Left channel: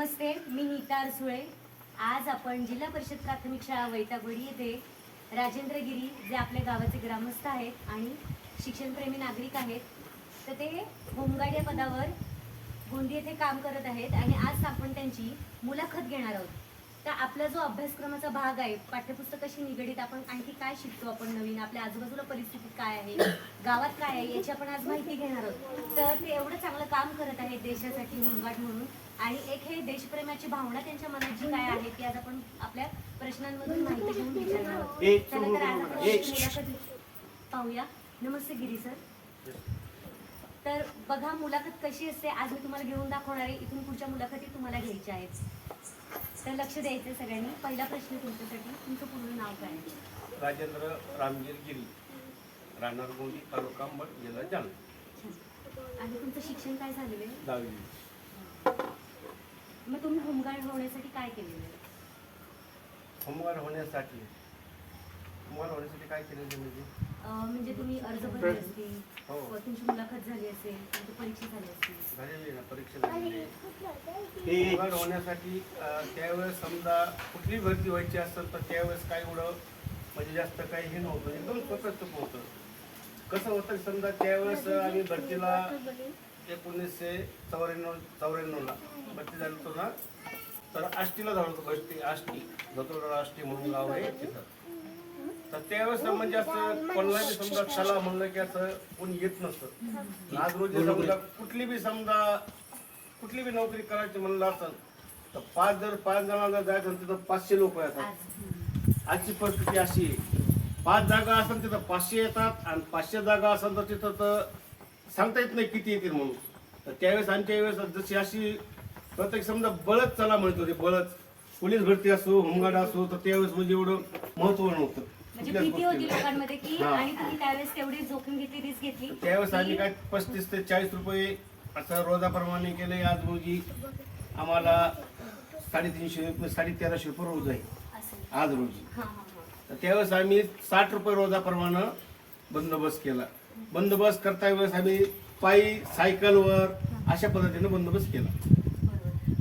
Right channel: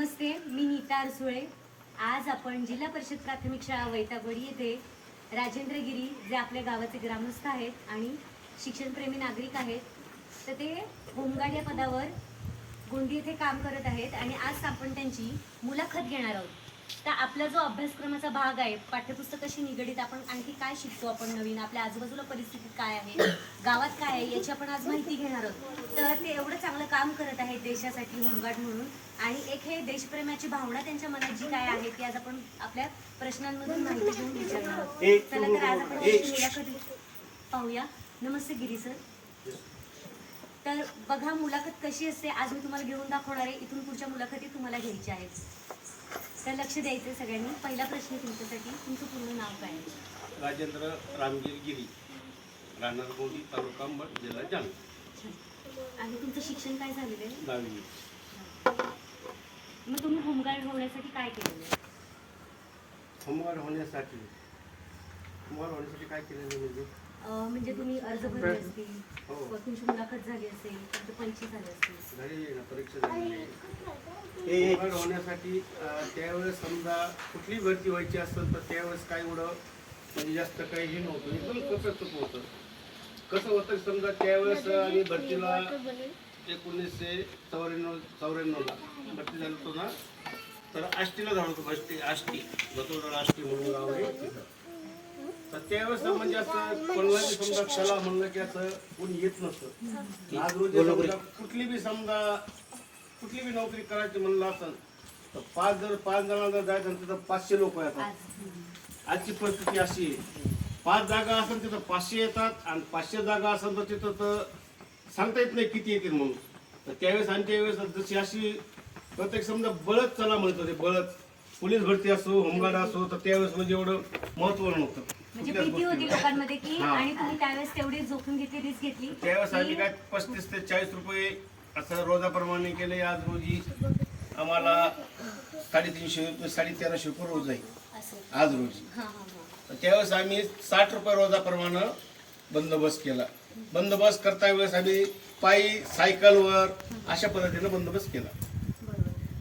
नमस्ते, मी नीता अरसुळे. आज आपण जिल्हा परिषद प्राथमिक शाळा वैतागवाडी येथे राजेंद्र गिरी जे आपल्या गावाचे ग्रामस्थ आहेत आणि शिक्षणप्रेमी नागरिक आहेत, तर ते होमगार्ड या पदावर गोंदी येथे काम करत आहेत आणि आज आपण त्यांची मुलाखत घेणार आहोत. तर आपला जो अभ्यासक्रमाचा भाग आहे, पाठ्यपुस्तकाशी निगडीत आपण आणखी काय शिकतो, आपण नवीन आपल्या आजूबाजूला परिस्थितीत काय आहे, गावात काय आहे, याची आपण आज माहिती घेणार आहोत. तर ते एवढं चांगलं काम करत आहेत देशासाठी होमगार्ड म्हणून, आणि एक हे देशप्रेमाची भावना त्यांच्या मनात जी काय आहे ती आज आपण आपल्या प्रश्नांमधून माहिती घेऊन विचारणार आहोत. चला तर आज आपण त्यांची मुलाखत पाहूया. नमस्ते गिरी सर. तर बघा, मुलाखत कशी असते आज मी तुम्हाला घेऊन दाखवणार आहे. इथून पुढच्या मुलाखती तुम्हाला घ्यायच्या आहेत, तर लक्ष द्यायचं सगळ्यांनी. पहिला प्रश्न तुमच्यासाठी, तुमचं पूर्ण नाव काय आहे? राजेंद्र रामगिर गिरी, राहणार गोंदी, तालुका अंबड, जिल्हा जालना. आणि तुमचं शिक्षण काय झालेलं आहे? 10वी. मग तुम्ही होमगार्ड होण्यासाठी काय केलेलं आहे? होमगार्ड होण्यासाठी काय केलेलं म्हणजे तुम्ही अर्ज भरले असतील, हो. तुमची मुलाखत झाली असेल, तुमची परीक्षा झाली असेल. झालेली ना, परीक्षा झालेली. होमगार्ड होण्यासाठी त्यावेळेस समजा कुठली भरती व्हायची असेल तर त्यावेळेस काय एवढं म्हणजे जास्त काही हे नव्हतं, एकदम सोपं होतं. कसं होतं समजा त्यावेळेस आम्ही भरतीला 1994ला भरती झाली होतो ना, तर आष्टीला जाणार होतो. आष्टी दत्तोडा आष्टी म्हणून गाव आहे तिथं. तर त्यावेळेस म्हणजे असं कोणाला समजा चला म्हणलं की असं कोणी येत नसतं. आज रोजी समजा कुठली बी नोकरी करायची म्हणलं असेल तर पाच जणांना जायचं तिथं 500 लोक येतात. आजची परिस्थिती अशी आहे, 5 जागा असेल तिथं 500 येतात आणि 500 जागा असेल तर तिथं तर सांगता येत नाही किती येतील म्हणून. तर त्यावेळेस आमच्या वेळेस जशी अशी प्रत्येक समजा बळच चला म्हणत होते. बळच पोलीस भरती असो, होमगार्ड असो, तर त्यावेळेस म्हणजे एवढं महत्व नव्हतं. म्हणजे भीती होती लोकांमध्ये की, आणि तुम्ही त्यावेळेस तेवढी जोखीम घेतली, रिस्क घेतली. त्यावेळेस आम्ही काय 35 ते 40 रुपये असं रोजाप्रमाणे केले. आज रोजी आम्हाला 350 1350 रुपये रोज आहे आज रोजी. तर त्यावेळेस आम्ही 60 रुपये रोजाप्रमाणे बंदोबस्त केला. बंदोबस्त करता वेळेस आम्ही पायी, सायकलवर अशा पद्धतीने बंदोबस्त केला.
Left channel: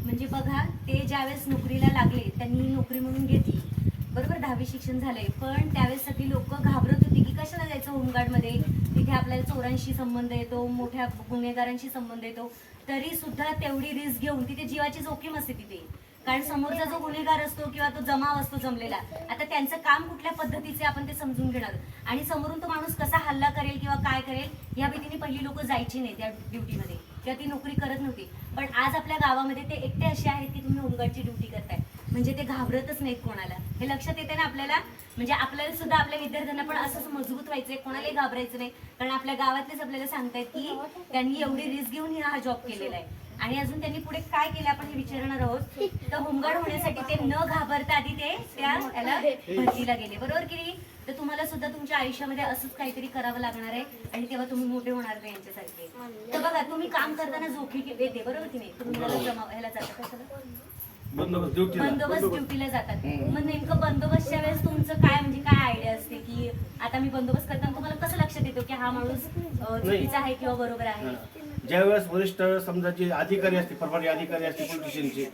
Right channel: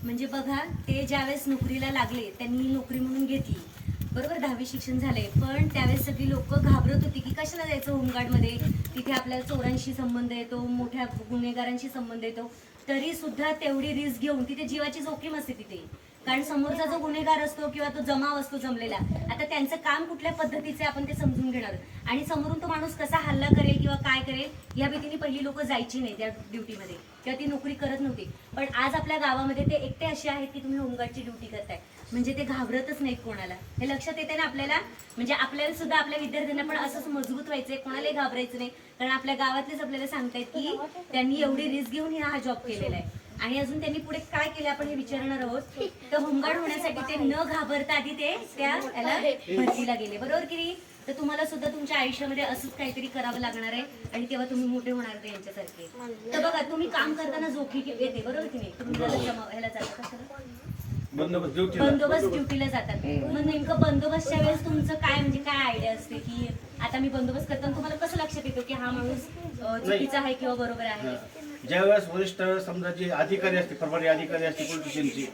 म्हणजे बघा, ते ज्यावेळेस नोकरीला लागले त्यांनी नोकरी म्हणून घेतली, बरोबर, 10वी शिक्षण झालंय, पण त्यावेळेस सगळी लोक घाबरत होती की कशाला जायचं होमगार्डमध्ये, तिथे आपल्याला चोरांशी संबंध येतो, मोठ्या गुन्हेगारांशी संबंध येतो. तरी सुद्धा तेवढी रिस्क घेऊन, तिथे जीवाची जोखीम असते तिथे, कारण समोरचा जो गुन्हेगार असतो किंवा तो जमाव असतो जमलेला, आता त्यांचं काम कुठल्या पद्धतीचे आपण ते समजून घेणार, आणि समोरून तो माणूस कसा हल्ला करेल किंवा काय करेल या भीतीने पहिली लोक जायची नाही त्या ड्युटीमध्ये किंवा ती नोकरी करत नव्हती. पण आज आपल्या गावामध्ये ते एकटे असे आहेत की तुम्ही होमगार्डची ड्युटी करताय, म्हणजे ते घाबरतच नाहीत कोणाला. हे लक्षात येते ना आपल्याला. म्हणजे आपल्याला सुद्धा आपल्या विद्यार्थ्यांना पण असंच मजबूत व्हायचंय, कोणालाही घाबरायचं नाही, कारण आपल्या गावातलेच आपल्याला सांगतायत की त्यांनी एवढी रिस्क घेऊन हा जॉब केलेला आहे. आणि अजून त्यांनी पुढे काय केलं आपण हे विचारणार आहोत. तर होमगार्ड होण्यासाठी ते न घाबरता आधी ते त्याला भरतीला गेले, बरोबर की नाही? तर तुम्हाला सुद्धा तुमच्या आयुष्यामध्ये असंच काहीतरी करावं लागणार आहे आणि तेव्हा तुम्ही मोठे होणार नाही यांच्यासारखे. तर बघा, तुम्ही काम करताना जोखीम येते, बरोबर की नाही? तुम्ही ह्याला जाता कशाला? बंदोबस्त ड्युटीला जातात. मग नेमकं बंदोबस्तच्या वेळेस तुमचं काय म्हणजे काय आयडिया असते की आता मी बंदोबस्त करताना तुम्हाला कसं लक्षात येतं की हा माणूस चुकीचा आहे किंवा बरोबर आहे? ज्यावेळेस वरिष्ठ समजा जे अधिकारी असते, प्रभारी अधिकारी असते पोलिटिशियनचे,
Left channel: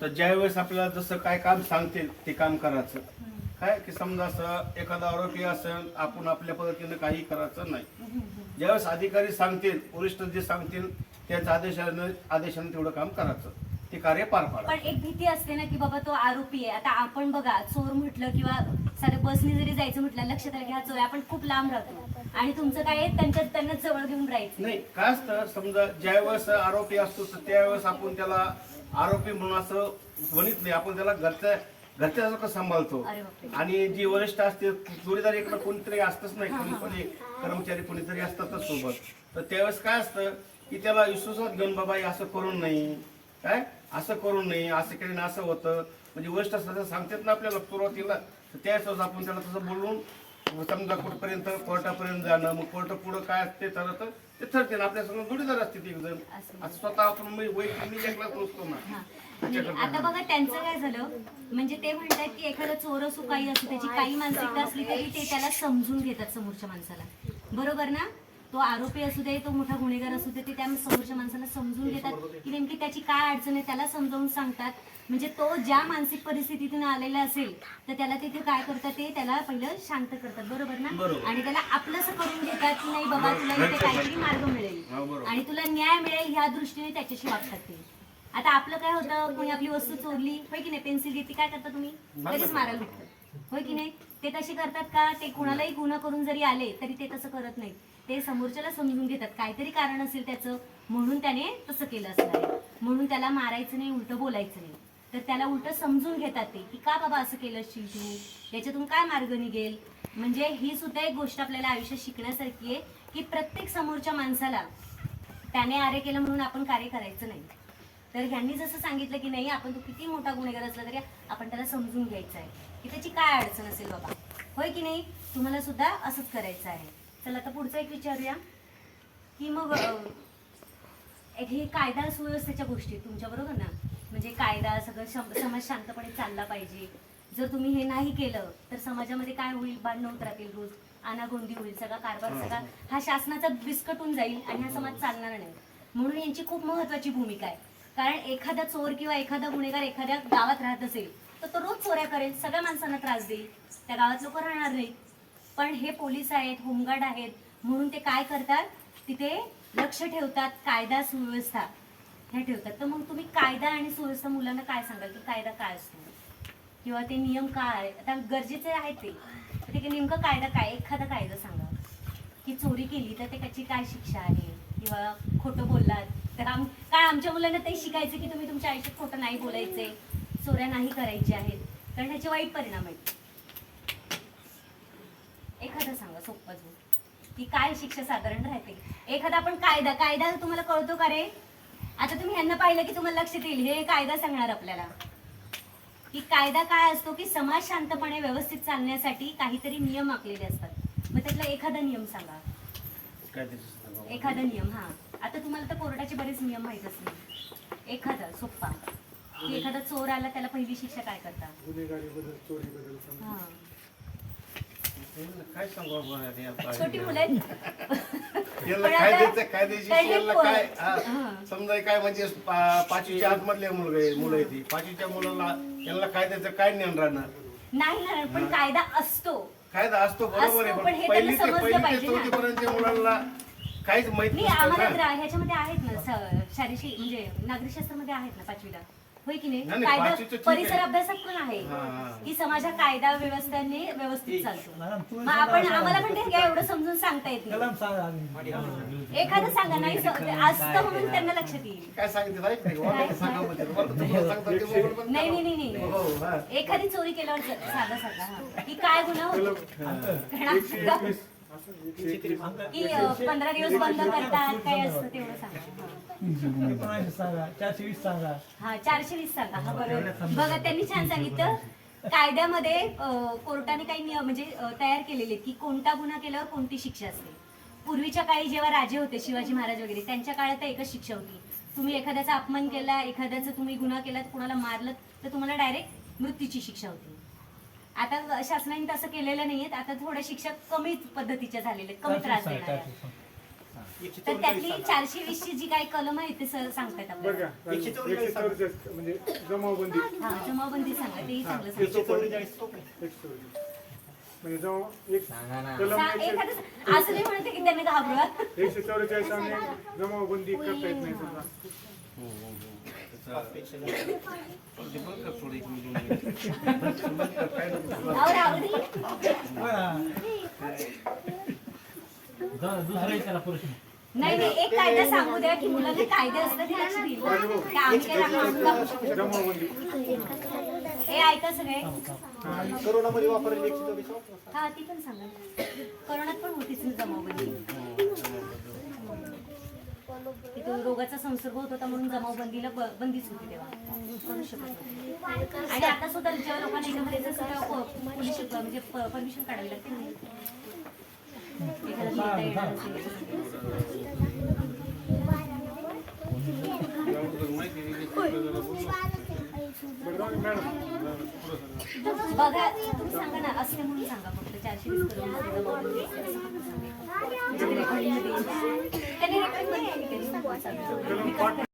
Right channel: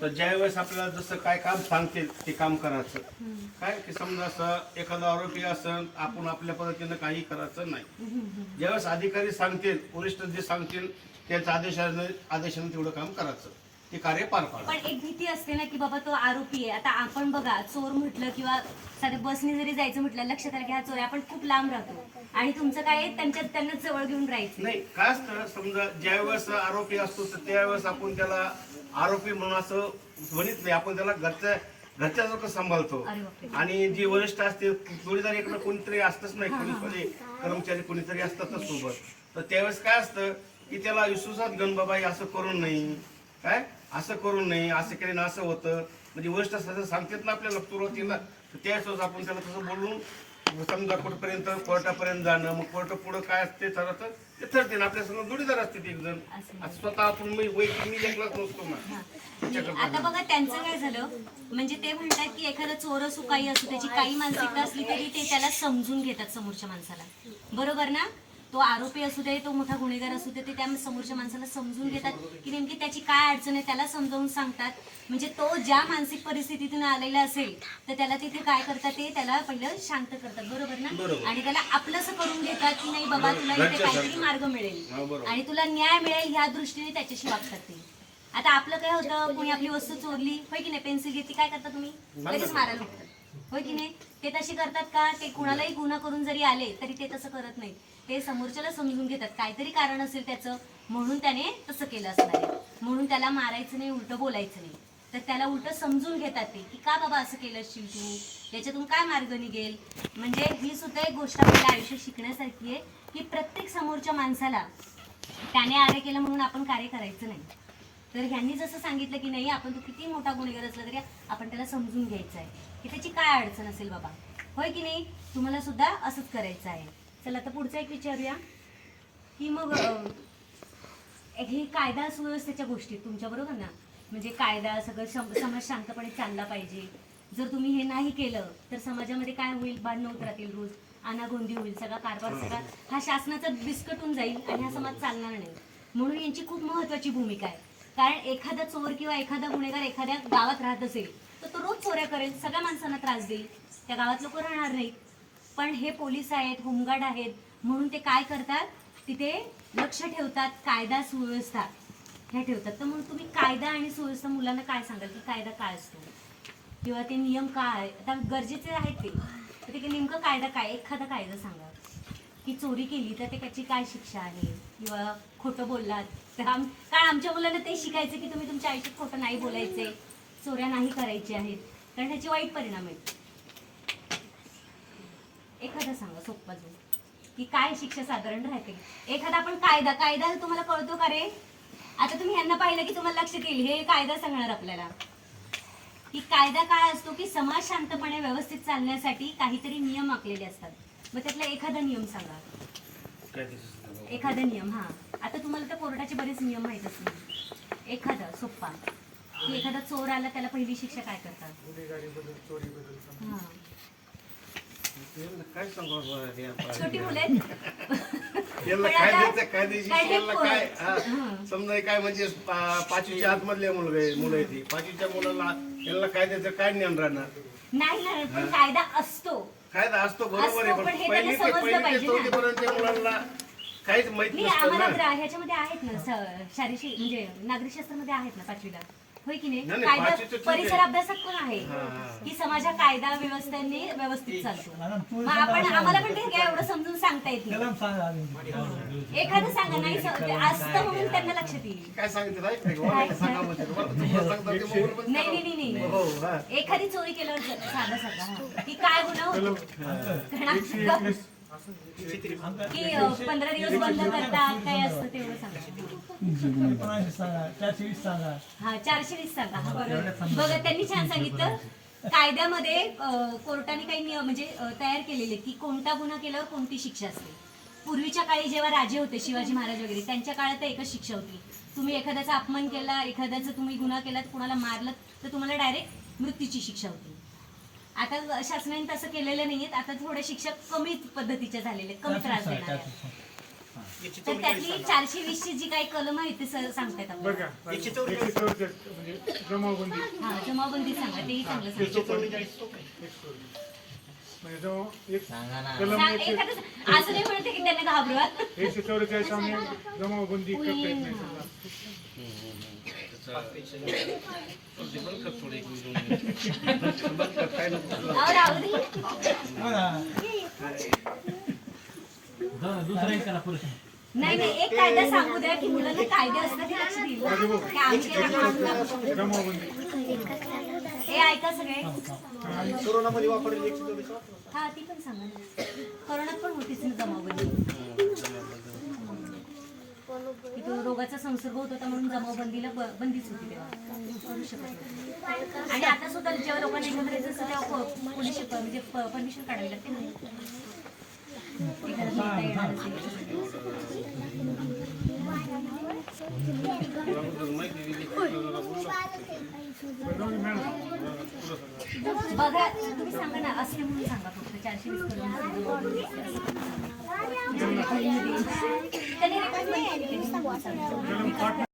तर ज्यावेळेस आपल्याला जसं काय काम सांगतील ते काम करायचं. काय की समजा असं एखादा आरोपी असेल, आपण आपल्या पद्धतीने काही करायचं नाही. ज्यावेळेस अधिकारी सांगतील, वरिष्ठ जे सांगतील त्याच्या आदेशाने तेवढं काम करायचं, ते कार्य पार पाडा. पण एक भीती असते ना की बाबा तो आरोपी आहे. आता आपण बघा, चोर म्हटलं किंवा साध्या बसने जरी जायचं म्हटलं, लक्षात आलं की हा चोर आहे, आपण खूप लांब राहतो आणि तुमचं काय त्यांना जवळ घेऊन राहायचं नाही. काय असतं समजा ज्यावेळेस आरोपी असतो तर त्यावेळेस आपण त्याला आरोपी म्हणून असं म्हणत नाही, आपण त्याला घरच्या सांभाळतो. आणि जी वरिष्ठ असते, जोडीदार इकडे कोणीतरी असतच नाही, कोणी कर्मचारी कोणीतरी असतातच सोबत. तर त्यावेळेस काय असतं की त्याला विश्वासात घेऊन बाबा असं करू नये, काय असं करू नये, असं केलं ना असं होतं, म्हणजे वरिष्ठ सदस्य सांगतात ना आपल्याला सुरुवातीला, तर त्यावेळेस आपण त्याला तसं बोलून समजा कुठपर्यंत कोर्टापर्यंत जाणं, मग कोर्ट पुढं काय असते ठरतं ते ठरते ना. आपल्या सगळं जोडीदार असते ते एक जण, स्वतः आपण वैयक्तिक मी एकलाच नसतो ना. आता बघा त्यांचं काय झालं, म्हणजे ते म्हणतात की एखादा चोर असो काही असो, त्याची काही मानसिकता असली तरी ते त्याला समजून घेतात समोरच्या माणसाला, बरोबर ना? तो आरोपी असू दे, तो मोठा गुन्हेगार असू दे, ते त्या समोरच्या माणसाला समजून घेतात की नेमकी त्याची काय अडचण आहे, त्याला समजावून सांगतात. म्हणजे तो ज्या मानसिक परिस्थितीतून आलेला असेल तर त्याला तिथे काय करतात, ते त्याला पहिलं शांत करतात, बरोबर ना. आणि त्याला आपलंसं करून घेतात की नाही बाबा तुला इथे काहीतरी मार्ग मिळेल आणि तुला न्याय मिळेल ह्या दृष्टीने त्याच्याशी वागतात ते. आता आपलं काय होतं, कोणी आपली वस्तू चोरली होय की नाही, पेन्सिल घेतली, काय करता तुम्ही, लगेच मारायला लागतात होय की नाही. ते तसे करतात का, ते कुणालाही गुन्हा करून जरी आले तरी ते तसं करत नाही. ते समोरच्याला समजून घेतात, काहीतरी कारण असेल त्याचं म्हणून त्याने तसं केलं असणार आहे, म्हणून त्याला मारायचं नाही, उलटं बोलायचं नाही. तर त्याला उलटं समजून घेतात ते की का बाबा असं केलं असशील तू, याच्यातून काय मार्ग निघेल. म्हणजे ही सुद्धा एक गोष्ट आपल्याला आयुष्यात शिकण्यासारखी आहे की प्रत्येक समोरच्या माणसाला त्याने आरे केलं म्हणून आपण कार्य करायचं नाही. तर ह्यांनी जसं सांगितलं की नाही, आपण तो किती मोठा गुन्हेगार असला तरी आपण त्याला समजून घ्यायचं आहे की त्याची काय अडचण असेल बाबा, होय की नाही. तुम्हाला सुद्धा असंच करायचं आहे. चला आता पुढचा एक विचारूया की मग हे कायदा सुव्यवस्थेच्या गोष्टी तुमच्या बरोबर ना, म्हणजे कायदा सगळं समाज शांतपणे चालला पाहिजे. जर तुम्ही हे नाही केलं तर समाजामध्ये काय होईल, भांडणं होत राहतील, रोज अनागोंदी होईल, सगळा कारभार सगळा हा शासनाचा बिस्कटून जाईल आणि हा समाज चालणार नाही. म्हणून यांची खूप महत्वाची भूमिका आहे. कारण एखादा चोर किंवा एखादा गुन्हेगार एखाद्या गावात राहत असेल तर तो रोज चोऱ्या करेल, सगळ्या माणसांना त्रास देईल, त्या गावात लोक राहणार नाहीत. पण हे पोलीस आहेत, होमगार्ड आहेत, म्हणून ते काय करतात, तिथे लक्ष ठेवतात, कायदा सुव्यवस्था हे ठेवतात. तर मग तुम्ही कायदा आणि सुव्यवस्था मुलांना काय सांगाल की कायदा काय असतो किंवा ते नियम काय, आता गरजेचे आहेत ते, तर ते नेमकं कायदा काय, एखादा कायदा सांगा की चोरी केली तर त्याची काय शिक्षा आहे, किंवा खोटं बोललात तर काय. आमच्या मुलांना ते शिकायचं की तुम्ही तुमच्या आयुष्यात खोटं नाही बोलायचे, चोऱ्या नाही करायच्या आहेत, कारण त्याचे वाईट परिणाम आहेत. एखादा सांगा सोप्पा जो की काय शिक्षा साधारण राहते. एखादा आपण कायदा तुम्हाला कळतो का रे, आता तुम्ही ह्यांना पाहिलं की तुम्हाला लक्षात येईल, हे कायदा सांगणार आपल्याला की कायदा काय असतो की समाज शांतपणे व्यवस्थित चालण्यासाठी काहीतरी नियम आखलेले असतात. मग त्यातला एखादा नियम सांगा, एखादा नियम. हा आता तुम्हाला तर कोर्टाचे बरेच नियम माहित असतील, एखादा सोप्पा की एखादा चोर आला त्याला पहिली शिक्षा काय करतात. हा काय सांगू छोटी मुलं आहेत. समजा काय म्हणजे पाचवीच्या आतमधले मुलं येते, पाचवीच्या मुलाला त्यांना कायद्याचं काय ज्ञान राहणार नाही ना, पण कायदा असतो, कायदा असतो बरोबर आहे, पण पहिली ते चौथीपर्यंतच्या मुलांना काहीच माहित नाही. नसतं आम्हाला ना. ह्याच्यामध्ये आहेत ना, शारीरिक म्हणजे नागरिकशास्त्रामध्ये आहेत ना 5वीला, होय की नाही. नाही, कायदा पाचवीचं ठीक परिसर आहे. अभ्यासात पण आहे की समाजा कायदा व्यवस्थेने व्यवस्थित चालतो. मग आम्हाला पण ते काय एवढं समजून सांगता येत नाही. एखादं सांगा, नाही असतं म्हणून त्यांना लक्षात येईल. काय सांगितलं नाही. हो, हा. एखादी चोरी केल्यावर साधं सांगा की काय गुन्हा होतो, की 15 दिवस बंद करतात, काय असतं तेवढं सांगा. हा 420 सांगा. हा बरोबर, बघा त्यांनी छान सांगितलं. कायद्यामध्ये कोर्टाने काही नियम म्हणजे तयार केलेले की कोणता गुन्हा केल्यावर कोणती शिक्षा असते. पूर्वीच्या काळी जेव्हा राजे होते, शिवाजी महाराज वगैरे, त्यांच्या काळात एकच शिक्षा होती. तुम्ही एखाद्याचा अपमान केला, एखाद्याचा तुम्ही गुन्हा केला, कुणाला मारलं तर तुम्हाला डायरेक्ट मृत्यूची शिक्षा होती. आता शासनाने तसं केलेलं नाहीये. आता थोड्या शिक्षा कमी पद्धतीच्या झालेल्या, कमी त्रास देणाऱ्या. तर त्यातली 420 ची जी काही कलम आहे ते सांगतायत आपल्याला. म्हणजे जमावबंदी. हा जमावबंदी सांगा, तेही चांगलं सांगा. म्हणजे जो एक एखादं असं नाही म्हणते की त्यांना घाबरवा. 144 आम्ही जमावबंदी करता येत नाही समजा. नाही नाही, एक कायदा सांगू द्या की मुलांना कायदे असतात ते लक्ष देईल. हे ऐका सगळे. कोरोनामध्ये वापरलेली 144. हा ती पण सांगा. कोरोनात पण होतीच ना जमावबंदी, की तो रोगाचा संसर्ग होत होता म्हणून जमावबंदीला बंदीच होती तेव्हा, करू शकत नाही. आणि आता सुद्धा जेव्हा लोकांना याच्यामध्ये जसं तेव्हा पोलीस म्हणजे परमिशन काढावी लागते ना. बघा तुम्ही सांगा ना, असले म्हणून सांगा फक्त 420. त्याने रेकॉर्ड पण केली. कलम 5